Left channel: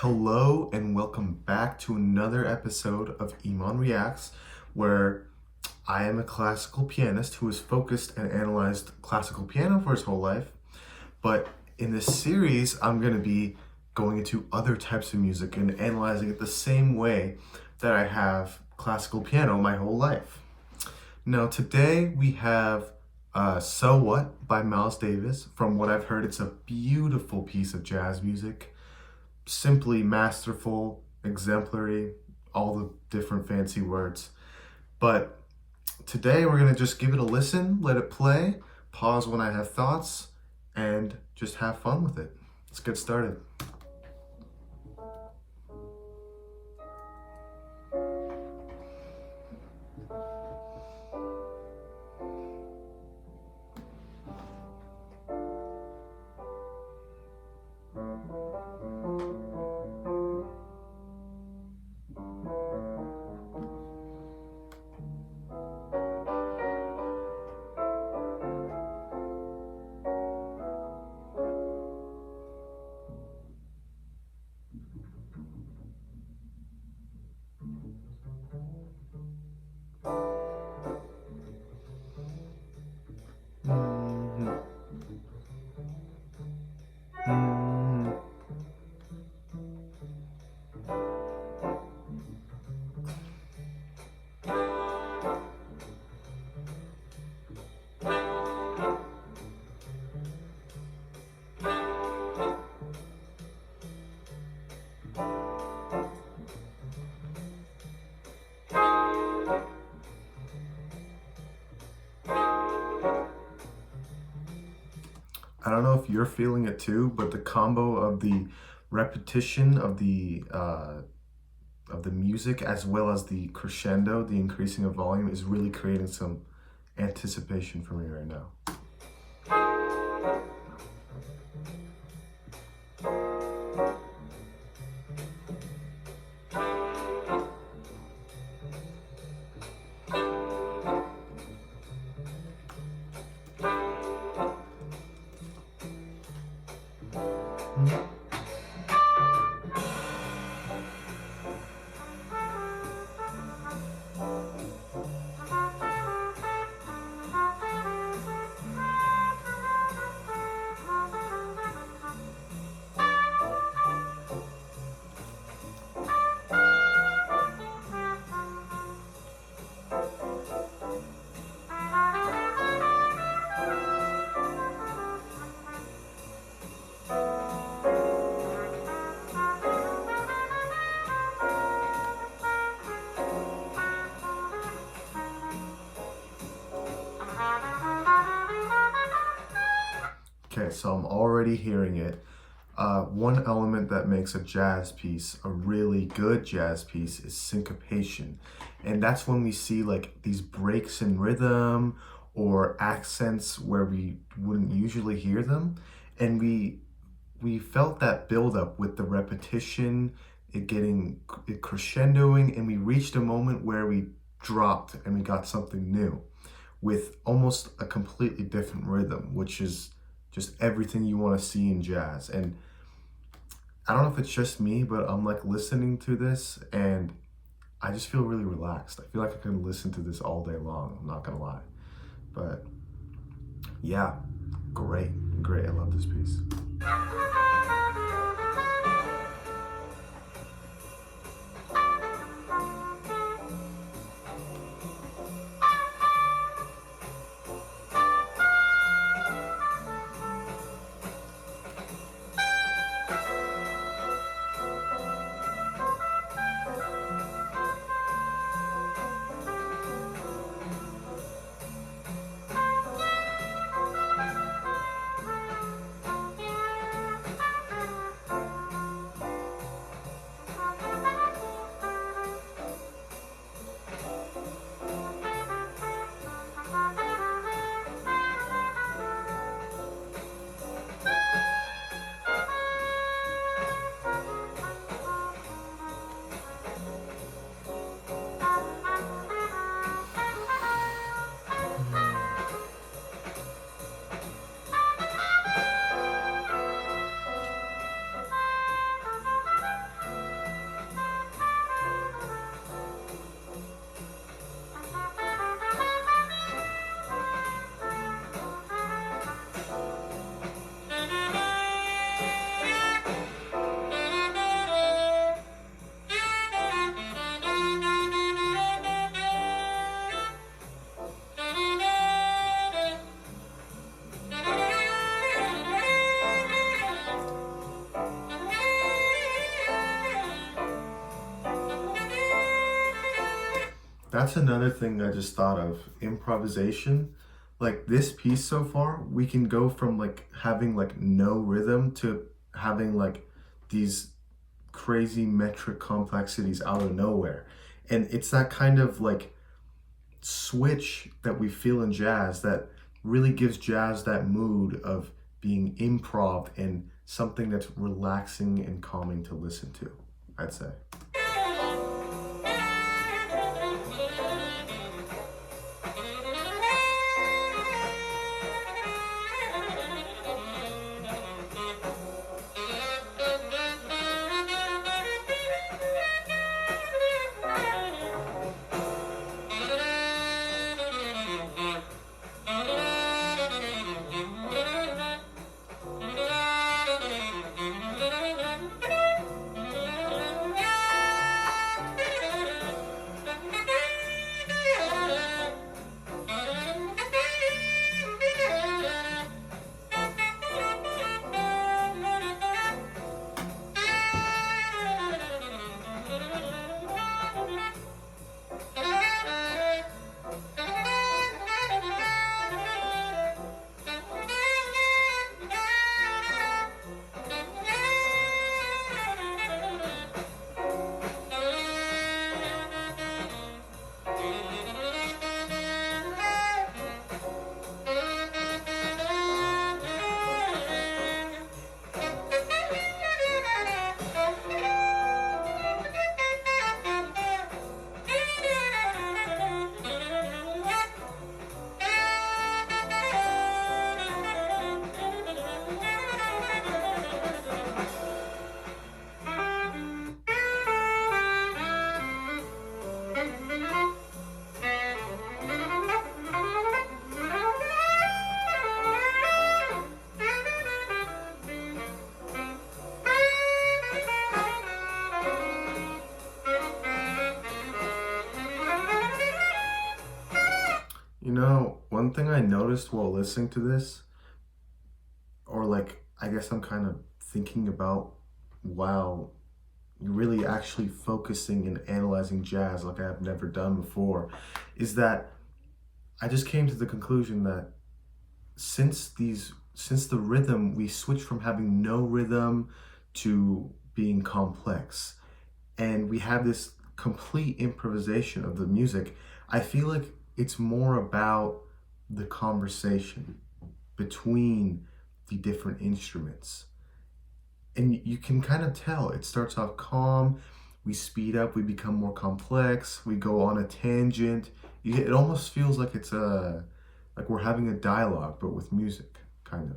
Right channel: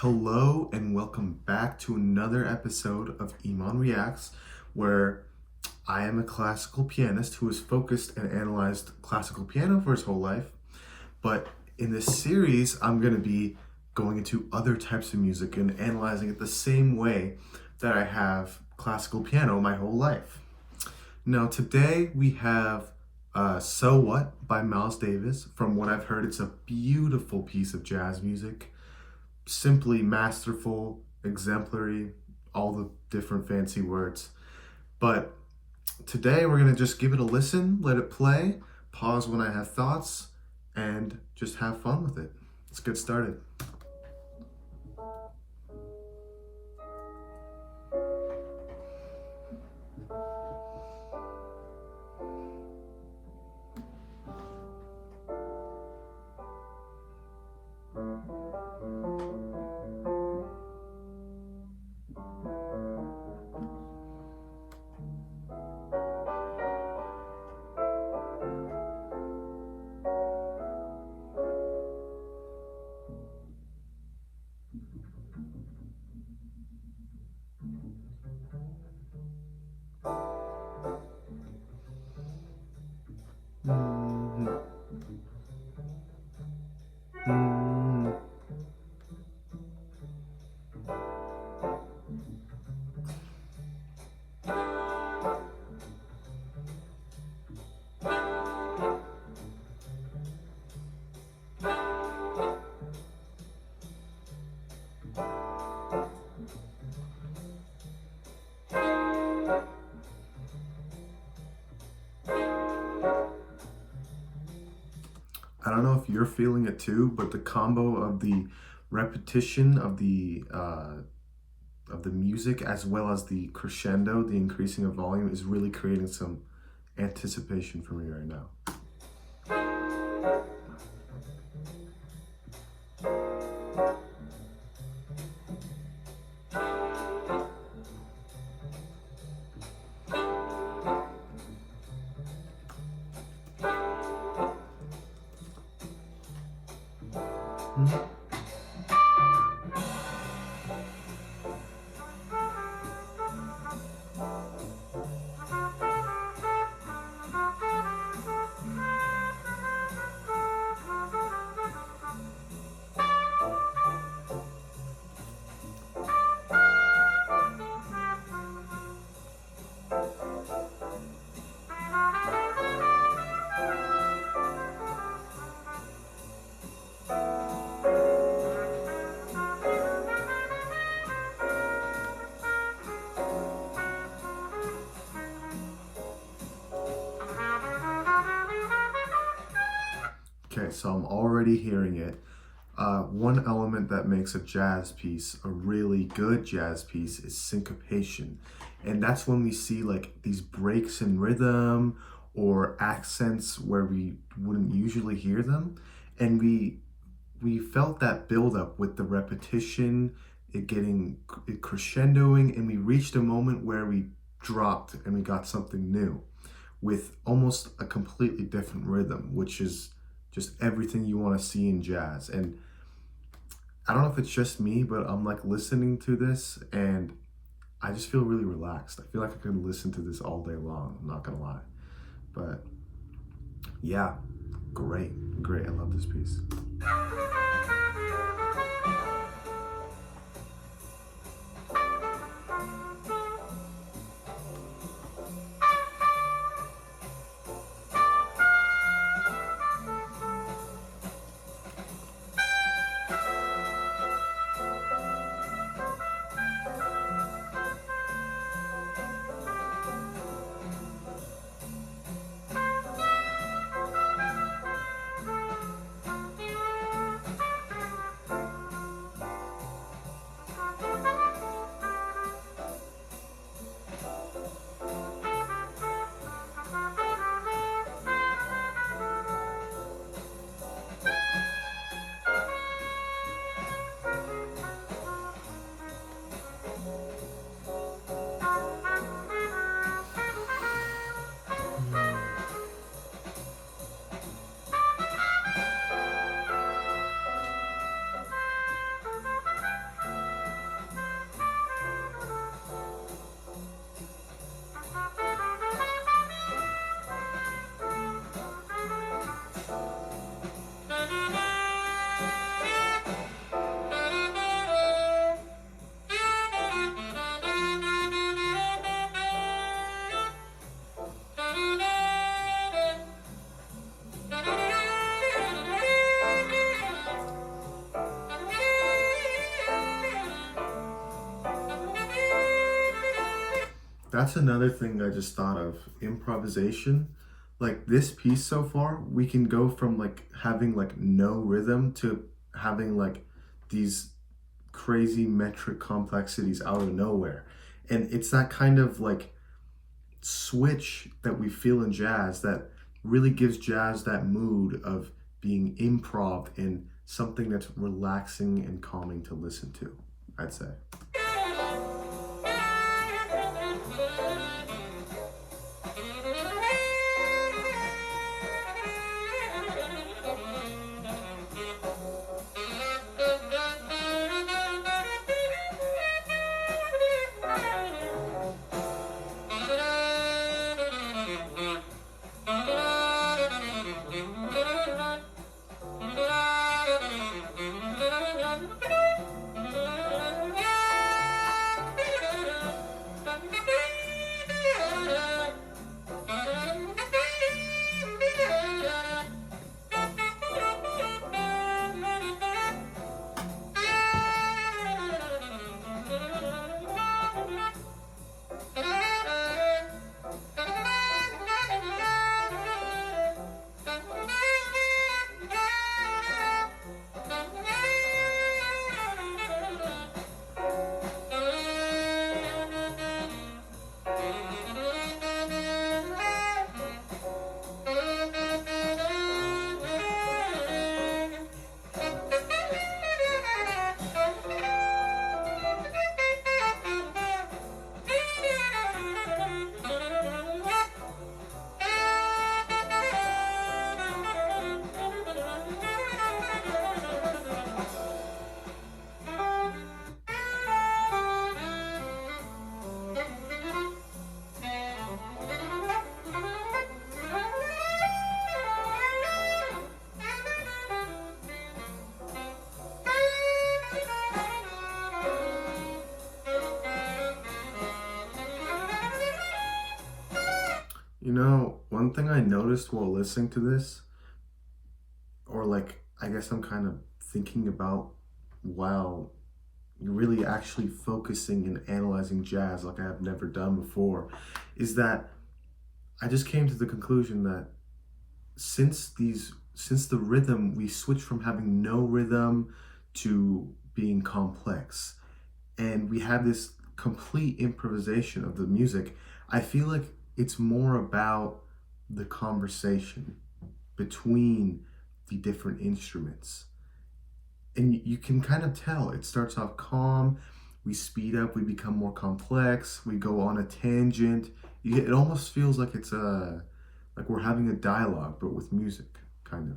Hello and welcome back to another episode of Iman Reacts, where I am a classical pianist who has focused and analyzed classical piano for his whole life. But in this series, I'm going to be going into other types of music and analyzing it the same way that I have classical piano my whole life. Now, today we have So What by Miles Davis. From what I've heard, it's a beautiful piece of jazz music. Simply masterful, exemplary, all the different fancy words. But today we're going to just give it a listen, let it play, pause when I have thoughts, and just have fun with it. Let's get started. Mm-hmm. Mm-hmm. I don't know if you're feeling it too, but the combo of the repetition of the music as well as the crescendo, the increasing of volume, is really creating some anticipation for me right now. Mm-hmm. Okay, so I'm already hearing it. One element that makes a jazz piece a really good jazz piece is syncopation. And that's when we see like these breaks in rhythm or accents where we wouldn't usually hear them. And we felt that buildup with the repetition, it crescendoing, and we reached a moment where we dropped and we got something new with almost a completely different rhythm, which is just everything you want to see in jazz. And I don't know if it's just me, but I'm like listening to this and I just feel really relaxed. I feel like I could listen to this all day long, I'm not gonna lie. But yeah, great. I love this piece. That's another thing I just thought of. Improvisation. Like this piece so far, we can go from like having like no rhythm to having like these crazy metric complexities out of nowhere. And it's that kind of like switch that we feel in jazz that really gives jazz that mood of being improv and something that's relaxing and calming to listen to, I'd say. You know, one thing I noticed while listening to this, or like, I guess I'm kind of thinking about while you're really actually focusing and analyzing jazz like I've never done before, is that I just came to the conclusion that since the rhythm, we switched from having no rhythm to being complex, and we have this complete improvisation of the music. I feel like it's more about the conversation between the different instruments. And you can kind of tell it starts off calm, we speed up, we become more complex, we go on a tangent. It almost feels like it's like we're having a dialogue, but with music, kind of.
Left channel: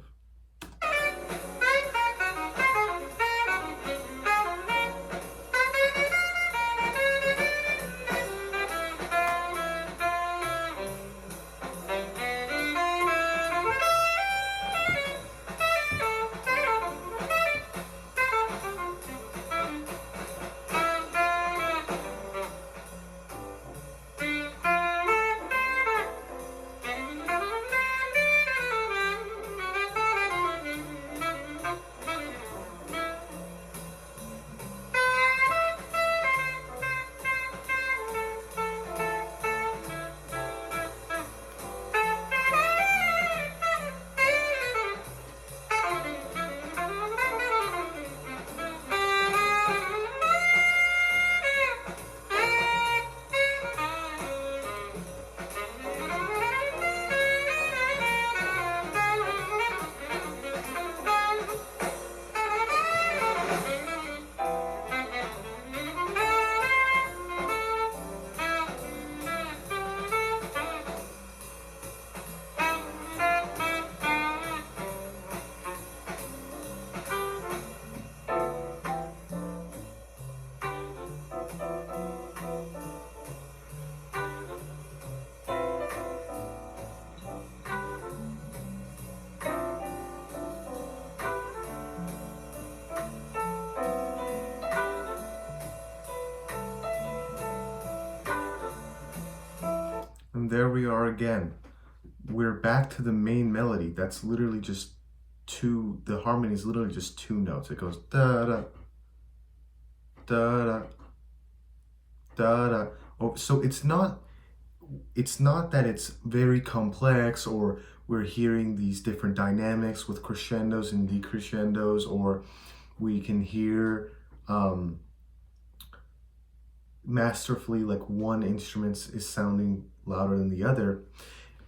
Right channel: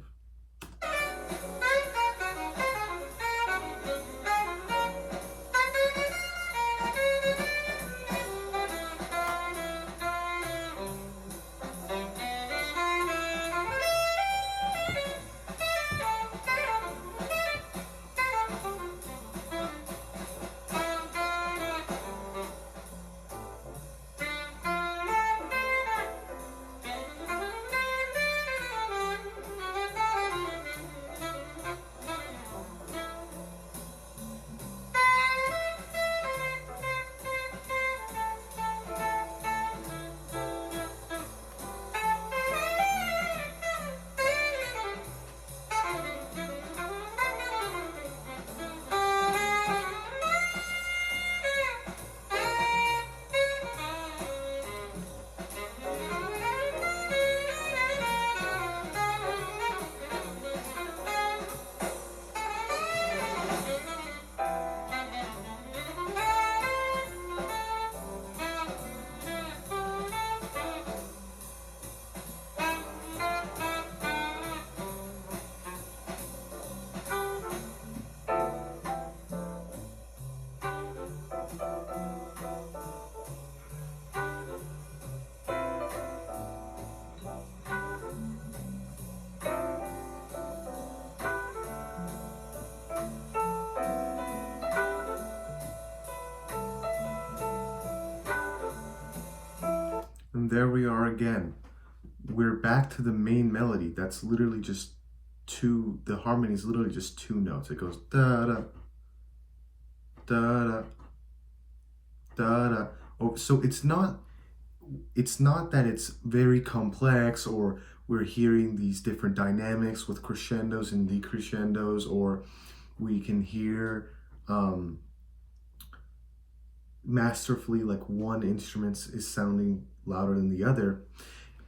And there we are again. We're back to the main melody. That's literally just the harmony is literally just two notes. It goes da da da da da da. Oh, so it's not it's not that it's very complex, or we're hearing these different dynamics with crescendos and decrescendos, or we can hear masterfully like one instrument is sounding louder than the other,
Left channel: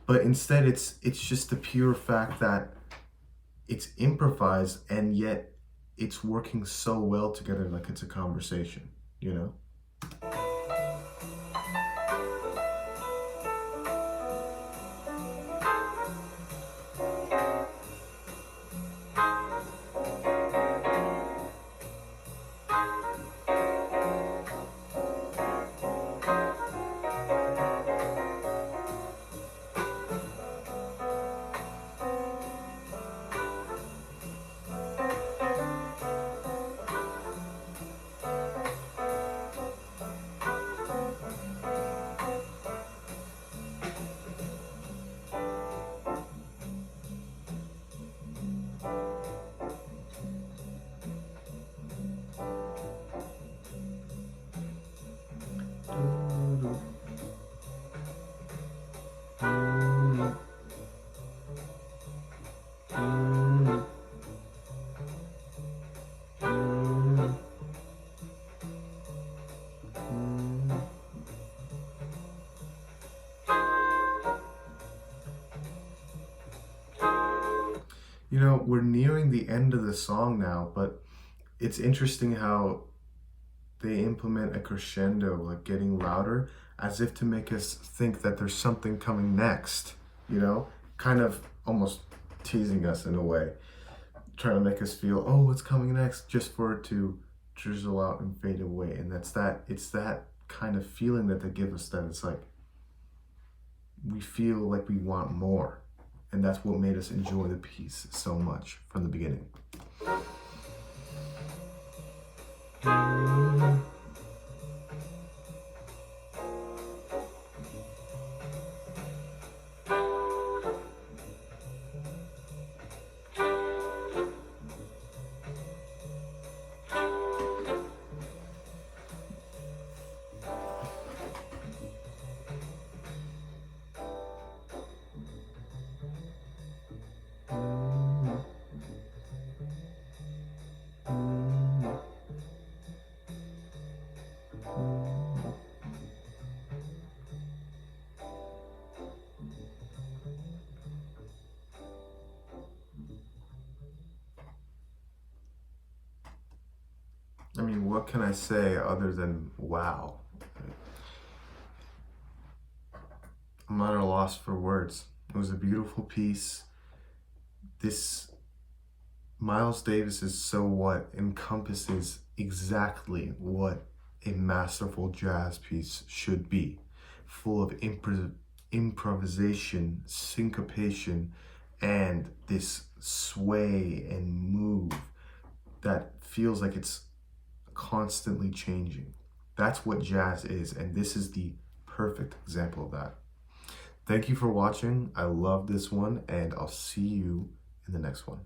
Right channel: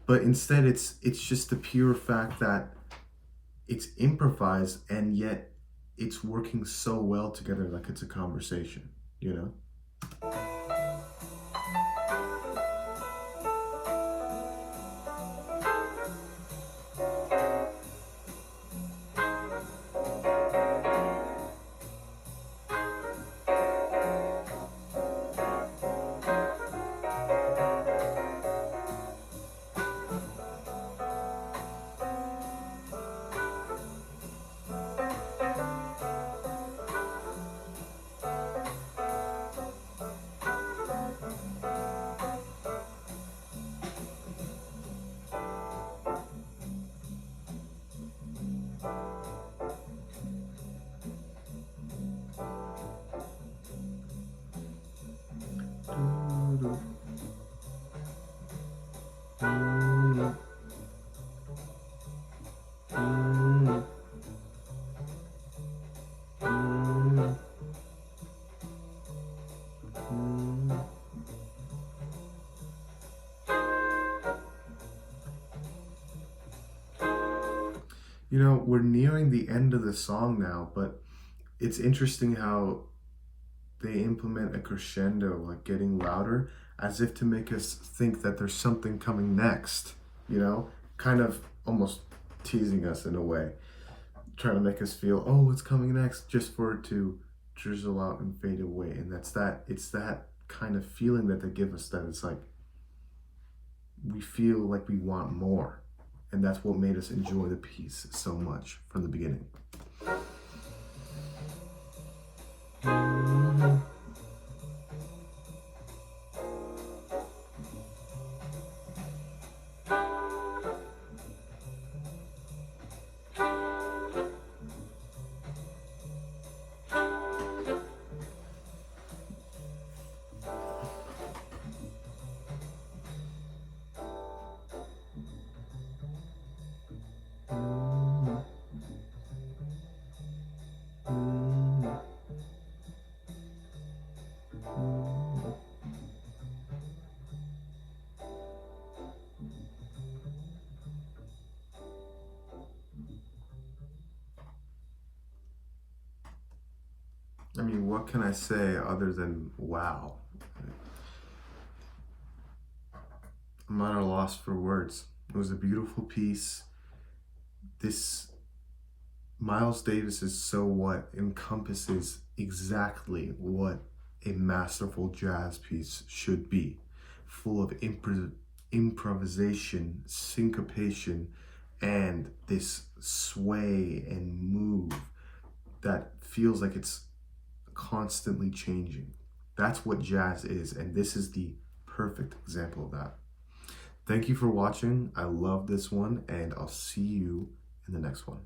but instead it's just the pure fact that it's improvised and yet it's working so well together, like it's a conversation, you know? You know, we're nearing the end of the song now, but it's interesting how they implement a crescendo, like getting louder, as if to make us think that there's something coming next, you know? Kind of almost teasing us in a way, trying to make us feel, oh, what's coming next, just for it to drizzle out and fade away. And it's that kind of feeling that they give us, that it's like, we feel like we want more. And that's what made us enjoy the piece so much from the beginning. I mean, what can I say other than wow? I'm at a loss for words. It was a beautiful piece. This Miles Davis's So What encompasses exactly what a masterful jazz piece should be, full of improvisation, syncopation, and this sway and move that feels like it's constantly changing. That's what jazz is, and this is the perfect example of that. Thank you for watching. I love this one, and I'll see you in the next one.